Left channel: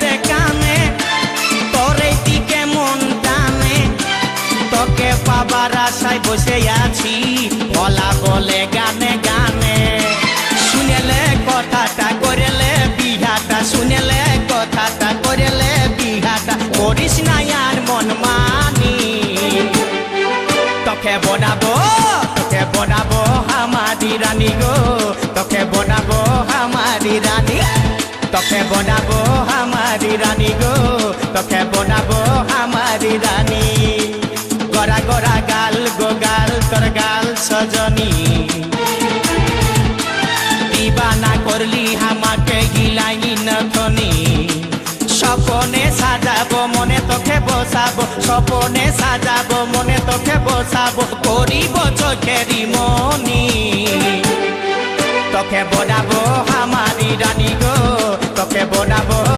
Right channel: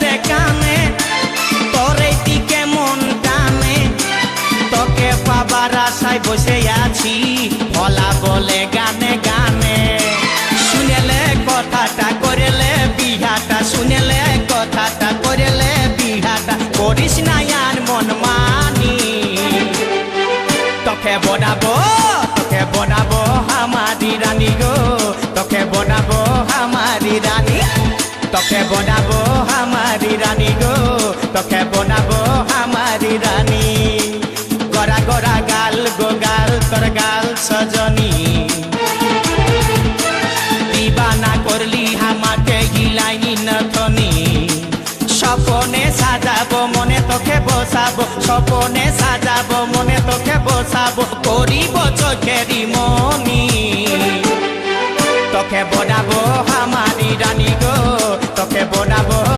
দে কানে তোর এই দিকে মন টানে তোকে পাবার আশায় বসে আছি ভোলা বলে গানে গানে শুনেলে কথাটা করেলে বিহাটা শুনেলে কথাটা করেলে বিহাটা করিস না আর মন মানি তোকে বনাবো আমারি রানী গো তোকে বনাবো আমারি রানী তোকে বনাবো আমারি রানী গো তোকে বনাবো আমারি রানী গড়া গড়া গাল গো গাল তোর গাল সজনী দিবানা করলি আমাকে গিলাই নথনি স্বপনে সাজাবো মনে তোকে বসাবো স্বপনে সাজাবো মনে তোকে বসাবো করিব চোখেরি মনি তোকে বনাবো আমারি রানী গো তোকে বনাবো